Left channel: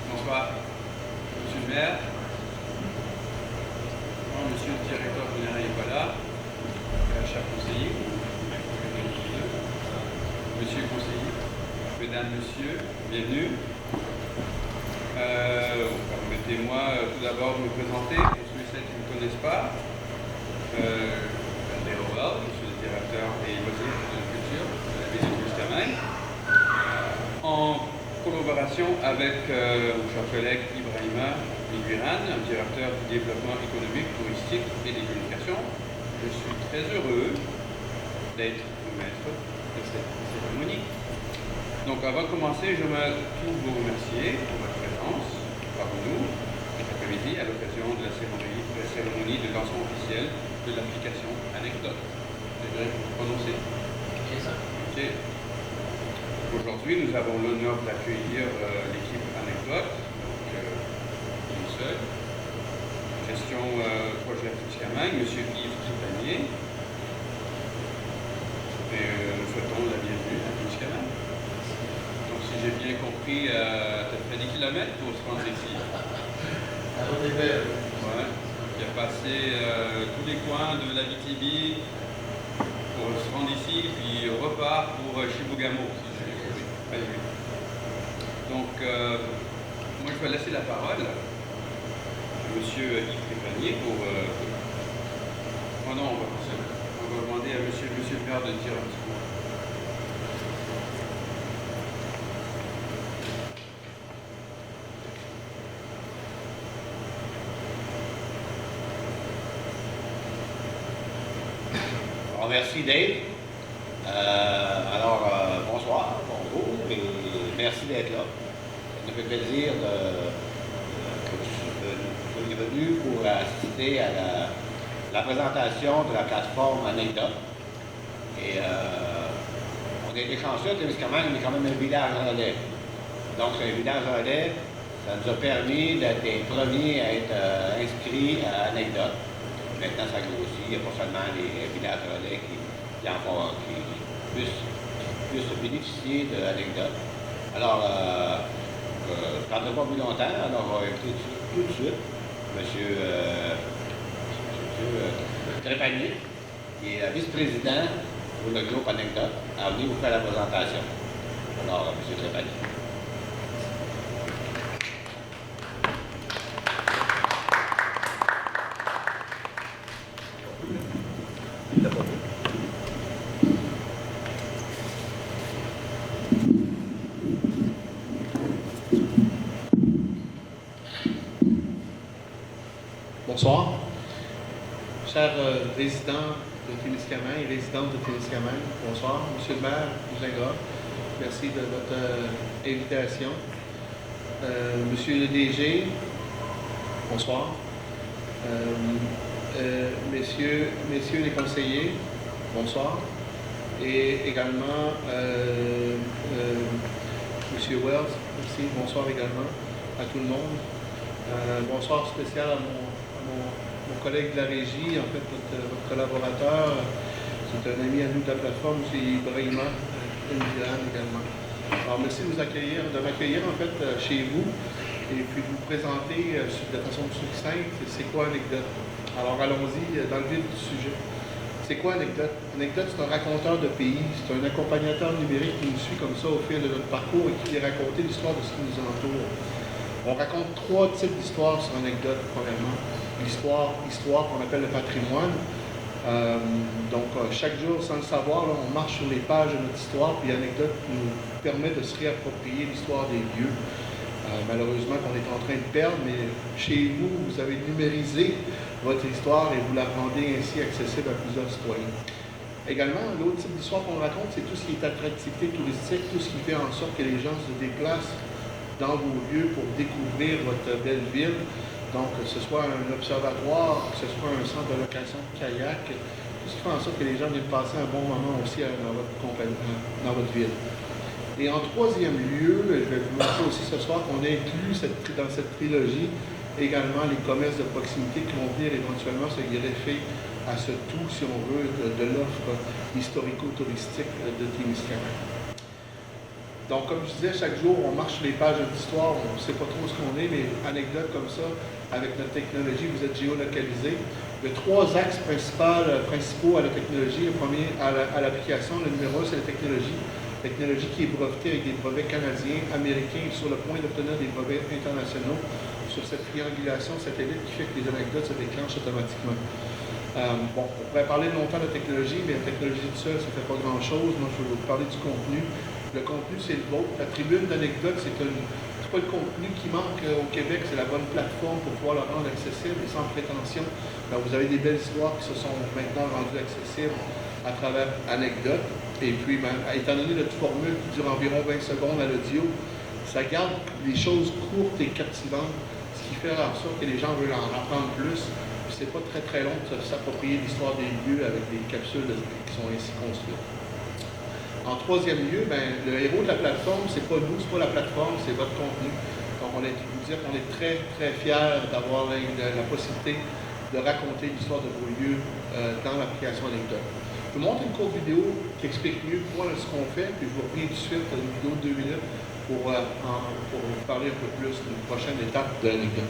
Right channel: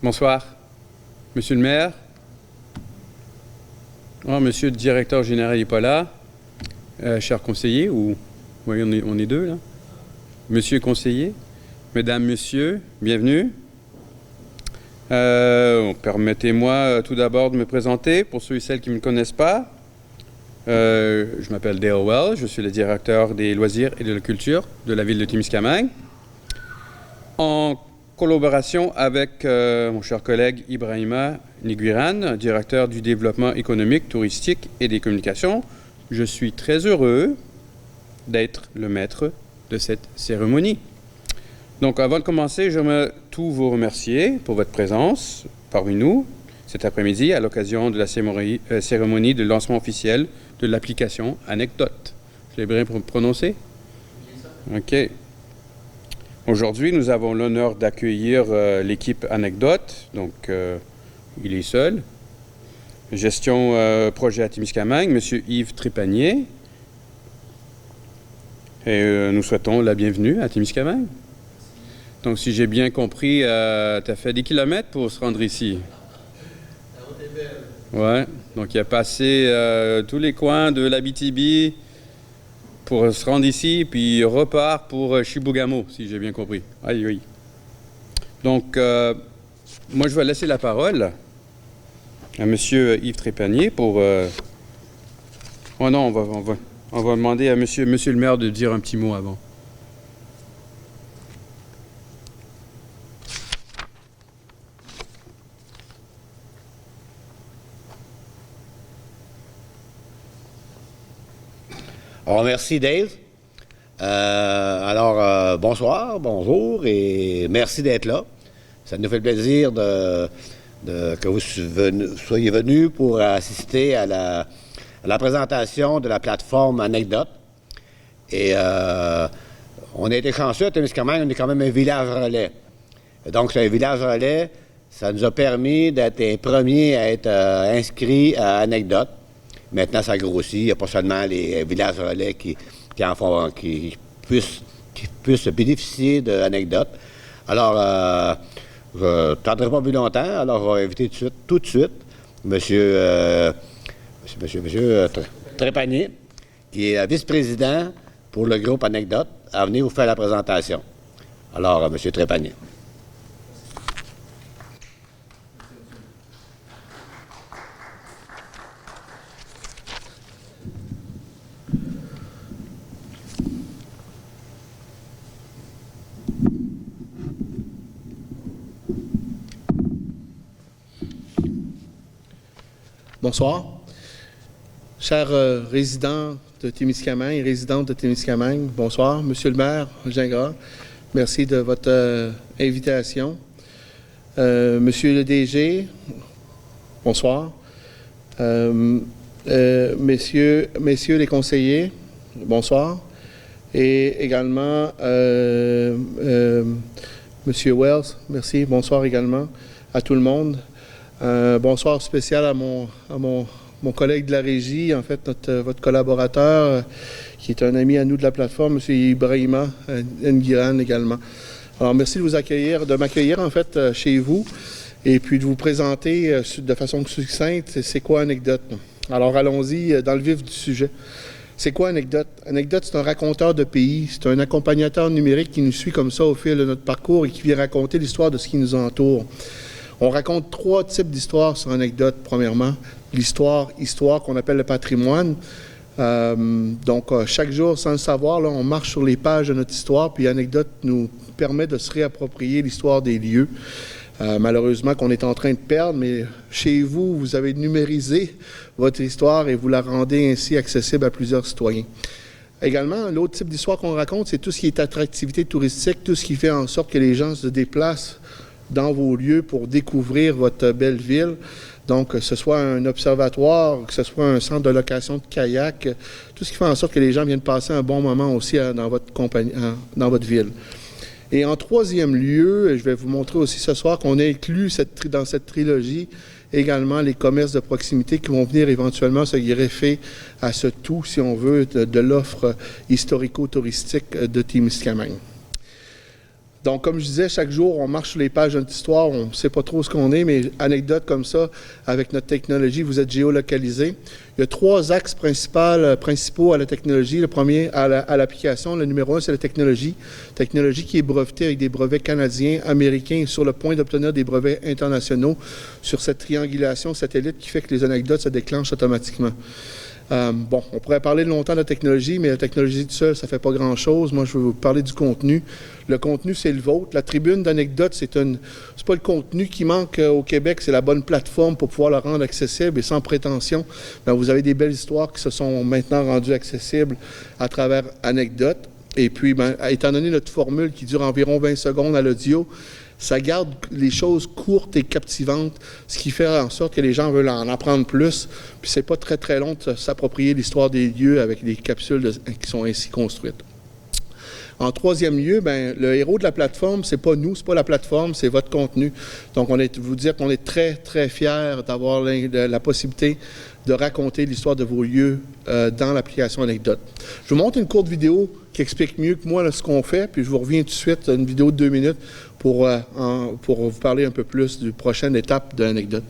Bonsoir, monsieur le maire. Oh, monsieur le directeur général n'est pas là. Cher conseiller, ou oui, on est deux, là. Monsieur conseiller, mesdames, messieurs, bienvenue. Permettez-moi tout d'abord de me présenter pour ceux et celles qui ne me connaissent pas. Je m'appelle Dale Wells, je suis le directeur des loisirs et de la culture de la ville de Témiscamingue. En collaboration avec mon cher collègue Ibrahima Niguiran, directeur du développement économique, touristique et des communications, je suis très heureux d'être le maître de cette cérémonie. Donc avant de commencer, j'aimerais tout vous remercier pour votre présence parmi nous cet après-midi à l'occasion de la cérémonie de lancement officiel de l'application Anecdote. J'ai bien prononcé? OK. Aujourd'hui, nous avons l'honneur d'accueillir l'équipe Anecdote, donc il est seul. Gestion projet à Témiscamingue, M. Yves Trépanier. Et nous souhaitons la bienvenue à Témiscamingue. Donc, si j'ai bien compris, tu as fait des kilomètres pour se rendre ici. Ouais. Donc, il a passé tous les coins de l'Abitibi pour se rendre ici, puis il repart pour Chibougamau, si j'ai bien compris. Ah oui. Donc, moi, je vais laisser la parole à M. Yves Trépanier pour... Oh non, on va demander à monsieur le maire de dire un petit mot avant. Bon, merci Dave. Bonsoir, bonjour et merci d'être là. Ça nous fait plaisir que vous soyez venus pour assister à la présentation de la plateforme Anecdote. Et on a été chanceux à Témiscamingue, on est quand même un village relais. Donc, c'est un village relais, ça nous a permis d'être les premiers à être inscrits à Anecdote. Maintenant, ça grossit. Il n'y a pas seulement les villages relais qui puissent bénéficier de l'anecdote. Alors, je ne tarderai pas plus longtemps. Alors, je vais inviter tout de suite Monsieur Trépanier, qui est vice-président pour le groupe Anecdote, à venir vous faire la présentation. Alors, Monsieur Trépanier. Bonsoir. Chers résidents de Témiscamingue et résidentes de Témiscamingue, bonsoir. Monsieur le maire, Gingras, merci de votre invitation. Monsieur le DG, bonsoir. Messieurs les conseillers, bonsoir. Et également, Monsieur Wells, merci, bonsoir également à tout le monde. Bonsoir spécial à mon collègue de la régie, en fait, votre collaborateur, qui est un ami à nous de la plateforme, M. Ibrahima Niguiran également. Alors, merci de m'accueillir, en fait, chez vous, et puis de vous présenter de façon succincte, c'est quoi Anecdote. Alors, allons-y dans le vif du sujet. C'est quoi Anecdote? Anecdote, c'est un raconteur de pays, c'est un accompagnateur numérique qui nous suit comme ça au fil de notre parcours et qui vient raconter l'histoire de ce qui nous entoure. On raconte 3 types d'histoires sur Anecdote, premièrement. L'histoire qu'on appelle le patrimoine. Chaque jour, sans le savoir, là, on marche sur les pages de notre histoire, puis Anecdote nous permet de se réapproprier l'histoire des lieux. Malheureusement qu'on est en train de perdre, mais chez vous, vous avez numérisé votre histoire et vous la rendez ainsi accessible à plusieurs citoyens. Également, l'autre type d'histoire qu'on raconte, c'est tout ce qui est attractivité touristique, tout ce qui fait en sorte que les gens se déplacent dans vos lieux pour découvrir votre belle ville. Donc, que ce soit un observatoire, que ce soit un centre de location de kayak, tout ce qui fait en sorte que les gens viennent passer un bon moment aussi dans votre ville. Et en troisième lieu, je vais vous montrer aussi ce soir qu'on inclut dans cette trilogie également les commerces de proximité qui vont venir éventuellement se greffer à ce tout, si on veut, de l'offre historico-touristique de Témiscamingue. Donc, comme je disais, chaque jour, on marche sur les pages de notre histoire, on ne sait pas trop ce qu'on est, mais anecdote comme ça, avec notre technologie, vous êtes géolocalisé. Il y a 3 axes principaux à la technologie. Le premier, à l'application. Le numéro 1, c'est la technologie. Technologie qui est brevetée avec des brevets canadiens, américains et sur le point d'obtenir des brevets internationaux sur cette triangulation satellite qui fait que les anecdotes se déclenchent automatiquement. Bon, on pourrait parler longtemps de la technologie, mais la technologie toute seule, ça ne fait pas grand-chose. Moi, je vais vous parler du contenu. Le contenu, c'est le vôtre. La tribune d'anecdotes, c'est pas le contenu qui manque au Québec, c'est la bonne plateforme pour pouvoir le rendre accessible et sans prétention. Donc, vous avez des belles histoires qui se sont maintenant rendues accessibles à travers anecdotes. Et puis, étant donné notre formule qui dure environ 20 secondes à l'audio, ça garde les choses courtes et captivantes, ce qui fait en sorte que les gens veulent en apprendre plus. Puis c'est pas très très long de s'approprier l'histoire des lieux avec des capsules qui sont ainsi construites. En troisième lieu, le héros de la plateforme, c'est pas nous, c'est pas la plateforme, c'est votre contenu. Donc, vous dire qu'on est très très fiers d'avoir la possibilité de raconter l'histoire de vos lieux dans l'application Anecdote. Je vous montre une courte vidéo qui explique mieux que moi ce qu'on fait, puis je vous reviens tout de suite, une vidéo de 2 minutes pour vous parler un peu plus d'une prochaine étape de l'anecdote.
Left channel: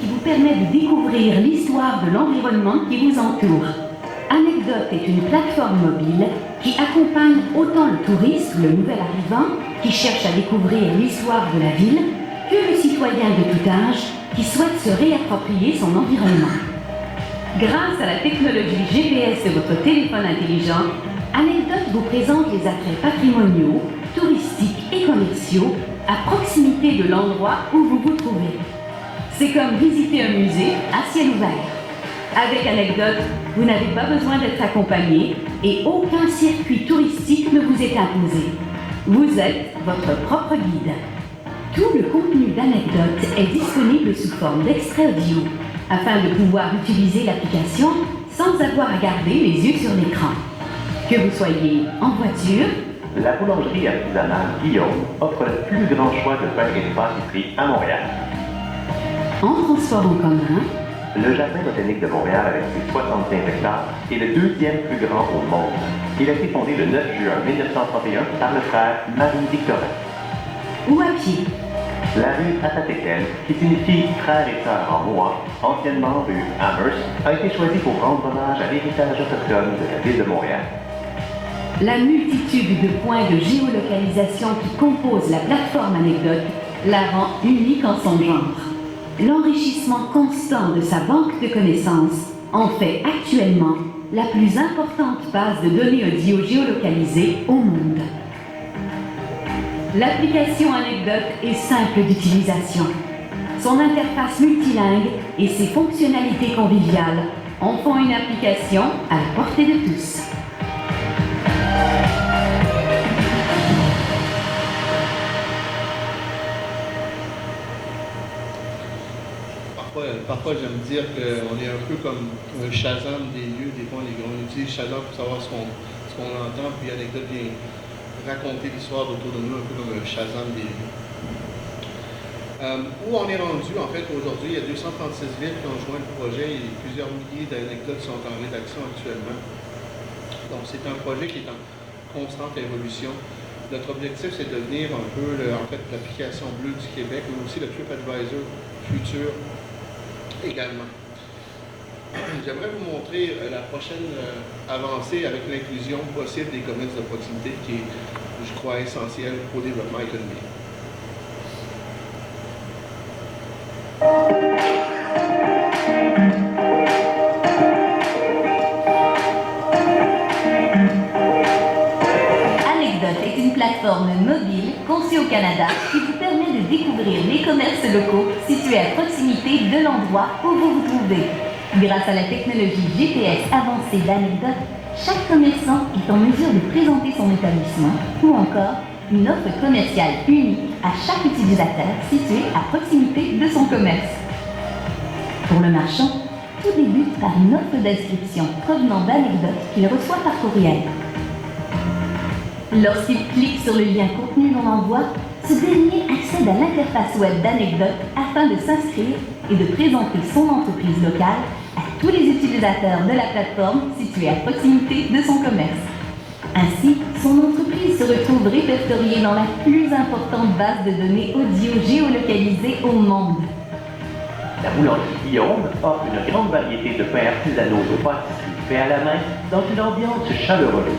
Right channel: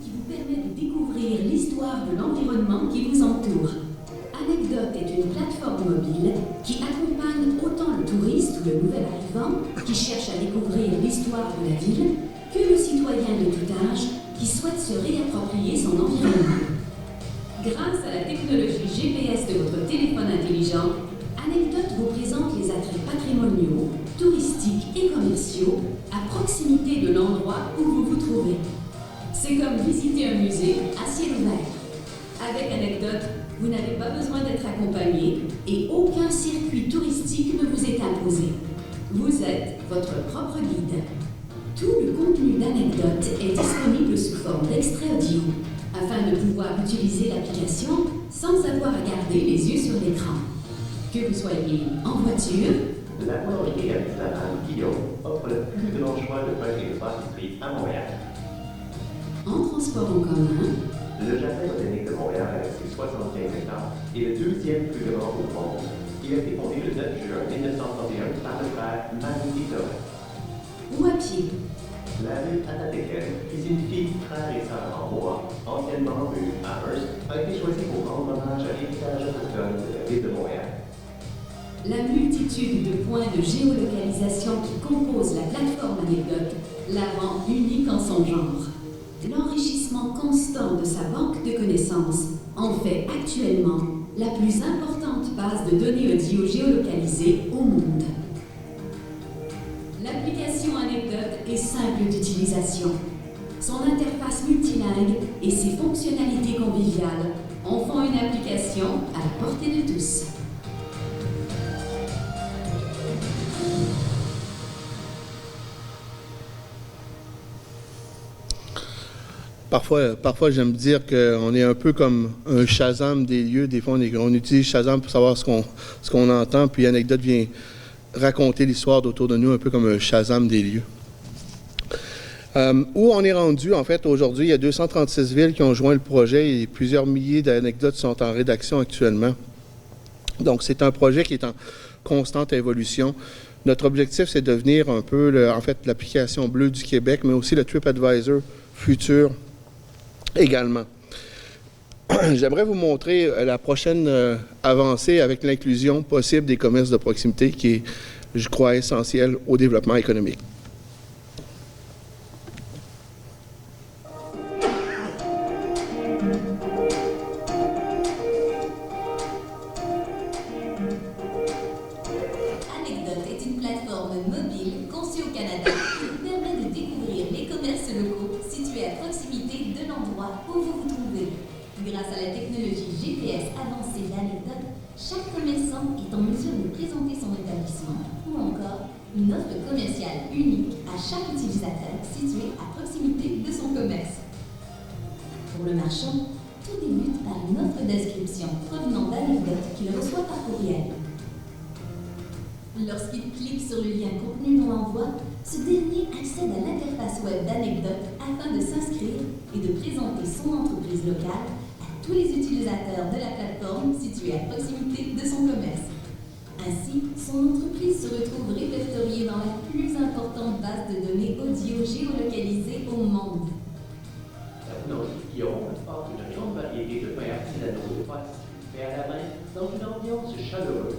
Qui vous permet de découvrir l'histoire de l'environnement qui vous entoure. Anecdote est une plateforme mobile qui accompagne autant le touriste, le nouvel arrivant, qui cherche à découvrir l'histoire de la ville, que le citoyen de tout âge qui souhaite se réapproprier son environnement. Grâce à la technologie GPS de votre téléphone intelligent, Anecdote vous présente les attraits patrimoniaux, touristiques et commerciaux à proximité de l'endroit où vous vous trouvez. C'est comme visiter un musée à ciel ouvert. Avec Anecdote, vous n'avez pas besoin d'être accompagné et aucun circuit touristique ne vous est imposé. Vous êtes votre propre guide. Tout le contenu d'Anecdote est disponible sous forme d'extrait audio, afin de pouvoir utiliser l'application sans avoir à garder les yeux sur l'écran. Que vous soyez en voiture, la boulangerie artisanale Guillaume offre le plus grand choix de pain et de pâtisserie à Montréal. en transport en commun, Le Jardin botanique de Montréal, avec ses 65 hectares, est le 2e plus grand au monde. Il a été fondé le 9 juin 1931 par le frère Marie-Victorin. ou à pied. La rue Atatekel, qui signifie frère et sœur en Rouen, anciennement rue Amherst, a été choisie pour rendre hommage à l'héritage autochtone de la ville de Montréal. La multitude de points de géolocalisation qui composent la plateforme Anecdote la rend unique en son genre. L'enrichissement constant de sa banque de connaissances en fait actuellement la plus importante base de données audio géolocalisées au monde. L'application Anecdote est simple d'utilisation. Son interface multilingue et ses fonctionnalités conviviales en font une application à la portée de tous. Parfois j'aime dire qu'on est un peu comme un Shazam des lieux. Des fois, on utilise Shazam pour savoir ce qu'on entend, puis Anecdote vient raconter l'histoire autour de nous, un peu comme un Shazam des lieux. Où on est rendu, en fait, aujourd'hui, il y a 236 villes qui ont joint le projet et plusieurs milliers d'anecdotes sont en rédaction actuellement. Donc, c'est un projet qui est en constante évolution. Notre objectif, c'est de devenir un peu, l'application bleue du Québec, mais aussi le TripAdvisor futur également. J'aimerais vous montrer la prochaine avancée avec l'inclusion possible des commerces de proximité qui est, je crois, essentiel au développement économique. Anecdote est une plateforme mobile conçue au Canada qui vous permet de découvrir les commerces locaux situés à proximité de l'endroit où vous vous trouvez. Grâce à la technologie GPS avancée d'Anecdote, chaque commerçant est en mesure de présenter son établissement ou encore une offre commerciale unique à chaque utilisateur situé à proximité de son commerce. Pour le marchand, tout débute par une offre d'inscription provenant d'Anecdote qu'il reçoit par courriel. Lorsqu'il clique sur le lien contenu dans l'envoi, ce dernier accède à l'interface web d'Anecdote afin de s'inscrire et de présenter son entreprise locale à tous les utilisateurs de la plateforme située à proximité de son commerce. Ainsi, son entreprise se retrouve répertoriée dans la plus importante base de données audio géolocalisée au monde. La boulangerie Guillaume offre une grande variété de pains artisanaux de pâtisserie faits à la main dans une ambiance chaleureuse.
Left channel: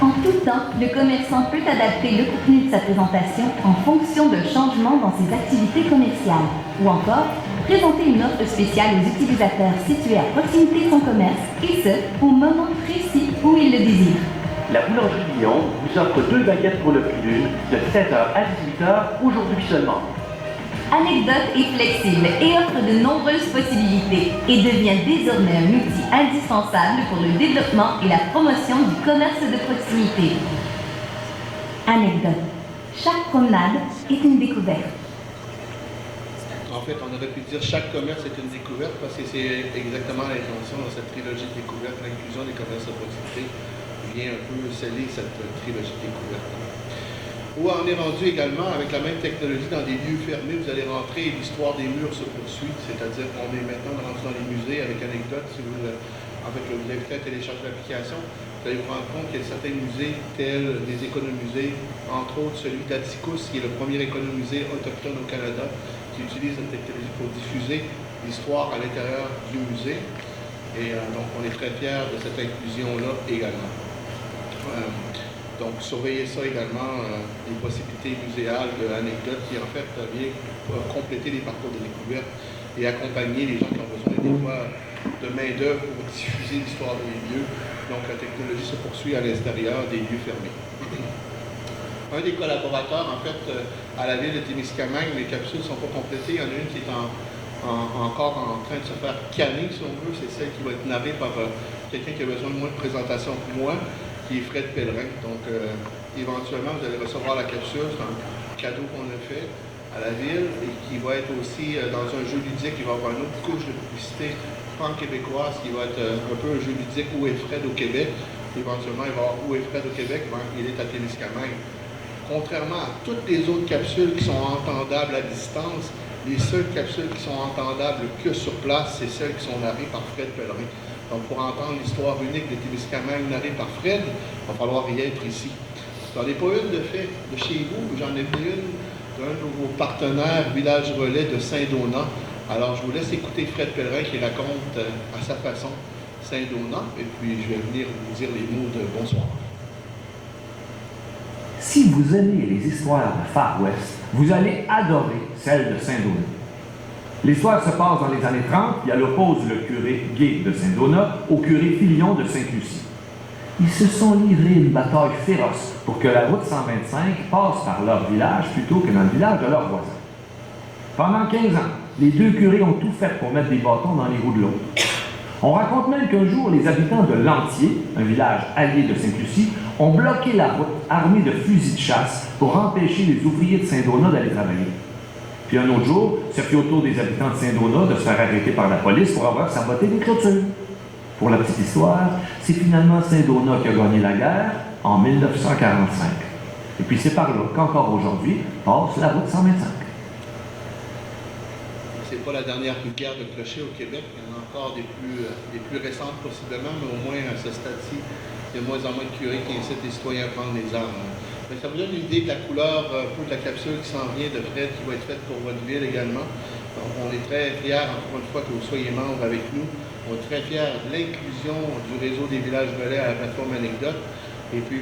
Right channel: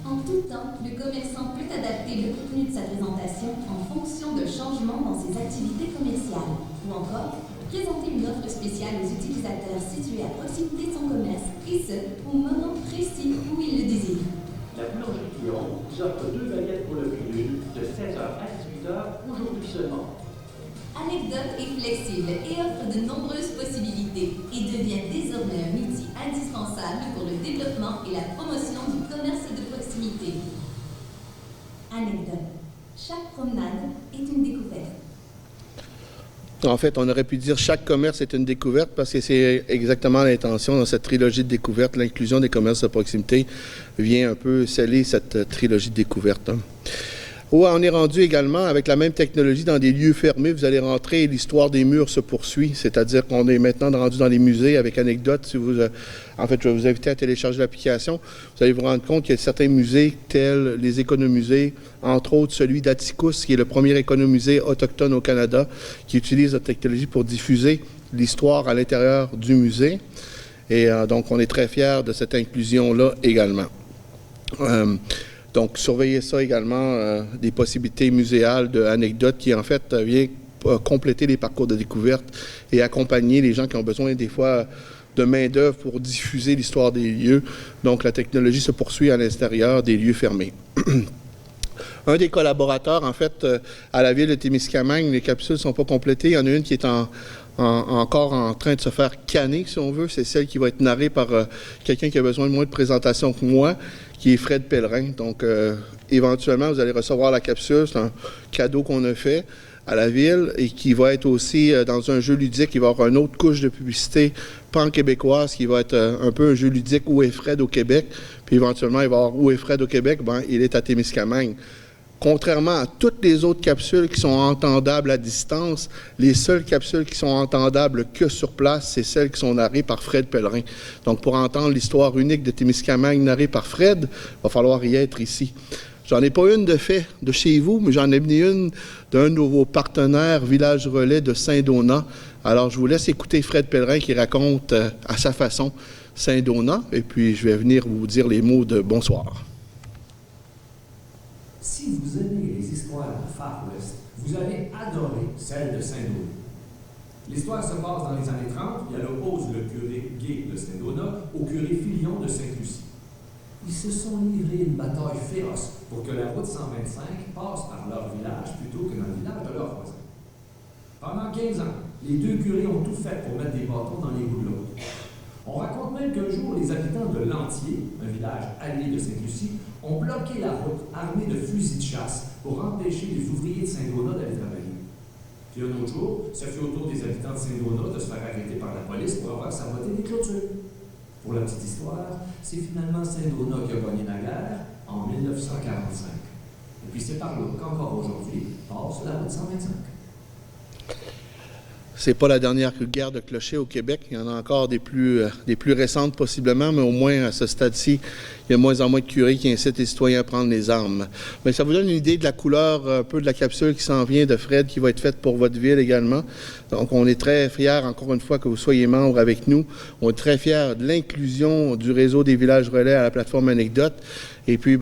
En tout temps, le commerçant peut adapter le contenu de sa présentation en fonction de changements dans ses activités commerciales ou encore présenter une offre spéciale aux utilisateurs situés à proximité de son commerce et ce, au moment précis où il le désire. La boulangerie Guillaume vous offre 2 baguettes pour le prix d'une de 16h à 18h aujourd'hui seulement. Anecdote est flexible et offre de nombreuses possibilités et devient désormais un outil indispensable pour le développement et la promotion du commerce de proximité. Anecdote. Chaque promenade est une découverte. En fait, on aurait pu dire chaque commerce est une découverte parce que c'est exactement l'intention dans cette trilogie de découverte. L'inclusion des commerces de proximité vient un peu sceller cette trilogie de découverte. On est rendu également avec la même technologie dans des lieux fermés. Vous allez rentrer, l'histoire des murs se poursuit, c'est-à-dire qu'on est maintenant rendu dans les musées avec Anecdote. Si vous, en fait, je vais vous inviter à télécharger l'application. Vous allez vous rendre compte qu'il y a certains musées tels les économusées, entre autres celui d'Atticus, qui est le premier économusée autochtone au Canada, qui utilise la technologie pour diffuser l'histoire à l'intérieur du musée. Et donc, on est très fiers de cette inclusion-là également. Donc, surveillez ça également, des possibilités muséales d'Anecdote qui, en fait, vient compléter les parcours de découverte et accompagner les gens qui ont besoin, des fois, de main-d'œuvre pour diffuser l'histoire des lieux. Donc, la technologie se poursuit à l'extérieur des lieux fermés. Un des collaborateurs, en fait, à la ville de Témiscamingue, les capsules ne sont pas complétées. Il y en a une qui est encore en train de se faire canner, si on veut. C'est celle qui va être narrée par quelqu'un qui a besoin de moins de présentation que moi, qui est Fred Pellerin. Donc, éventuellement, vous allez recevoir la capsule. C'est un cadeau qu'on a fait à la ville et qui va être aussi dans un jeu ludique. Il va y avoir une autre couche de publicité pan-québécoise qui va être un peu un jeu ludique Où est Fred au Québec. Puis éventuellement, il va y avoir Où est Fred au Québec. Ben, il est à Témiscamingue. Contrairement à toutes les autres capsules qui sont entendables à distance, les seules capsules qui sont entendables que sur place, c'est celles qui sont narrées par Fred Pellerin. Donc, pour entendre l'histoire unique de Témiscamingue narrée par Fred, il va falloir y être ici. J'en ai pas une de fait de chez vous, mais j'en ai mis une d'un de vos partenaires Village Relais de Saint-Donat. Alors, je vous laisse écouter Fred Pellerin qui raconte à sa façon Saint-Donat, et puis je vais venir vous dire les mots de bonsoir. Si vous aimez les histoires de Far West, vous allez adorer celle de Saint-Donat. L'histoire se passe dans les années 30, et elle oppose le curé Guy de Saint-Donat au curé Filion de Sainte-Lucie. Ils se sont livrés une bataille féroce pour que la route 125 passe par leur village plutôt que dans le village de leurs voisins. Pendant 15 ans, les deux curés ont tout fait pour mettre des bâtons dans les roues de l'autre. On raconte même qu'un jour, les habitants de Lantier, un village allié de Sainte-Lucie, ont bloqué la route armés de fusils de chasse pour empêcher les ouvriers de Saint-Donat d'aller travailler. Puis un autre jour, ce fut au tour des habitants de Saint-Donat de se faire arrêter par la police pour avoir saboté des clôtures. Pour la petite histoire, c'est finalement Saint-Donat qui a gagné la guerre en 1945. Et puis c'est par là qu'encore aujourd'hui passe la route 125. C'est pas la dernière guerre de clocher au Québec. Il y en a encore des plus récentes possiblement, mais au moins à ce stade-ci, il y a de moins en moins de curés qui incitent les citoyens à prendre les armes. Mais ça vous donne une idée de la couleur un peu de la capsule qui s'en vient de Fred, qui va être faite pour votre ville également. Donc on est très fiers, encore une fois, que vous soyez membre avec nous. On est très fiers de l'inclusion du réseau des villages relais à la plateforme Anecdote. Et puis,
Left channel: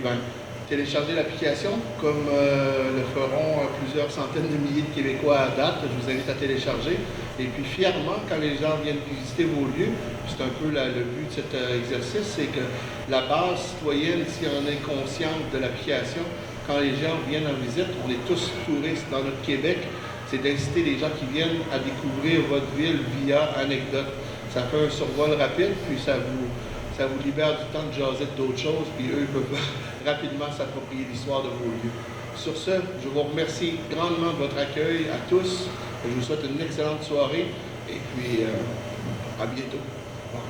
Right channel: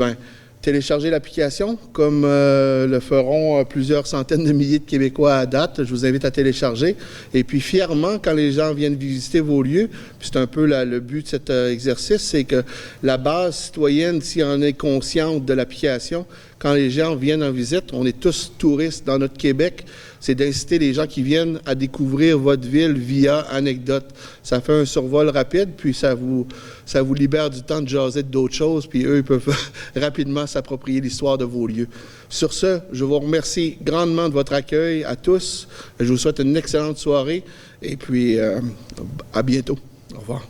téléchargez l'application, comme le feront plusieurs centaines de milliers de Québécois à date. Je vous invite à télécharger. Et puis, fièrement, quand les gens viennent visiter vos lieux, c'est un peu le but de cet exercice, c'est que la base citoyenne, si on est consciente de l'application, quand les gens viennent en visite, on est tous touristes dans notre Québec, c'est d'inciter les gens qui viennent à découvrir votre ville via Anecdote. Ça fait un survol rapide, puis ça vous libère du temps de jaser d'autres choses, puis eux, ils peuvent rapidement s'approprier l'histoire de vos lieux. Sur ce, je vous remercie grandement de votre accueil à tous. Je vous souhaite une excellente soirée, et puis à bientôt. Au revoir.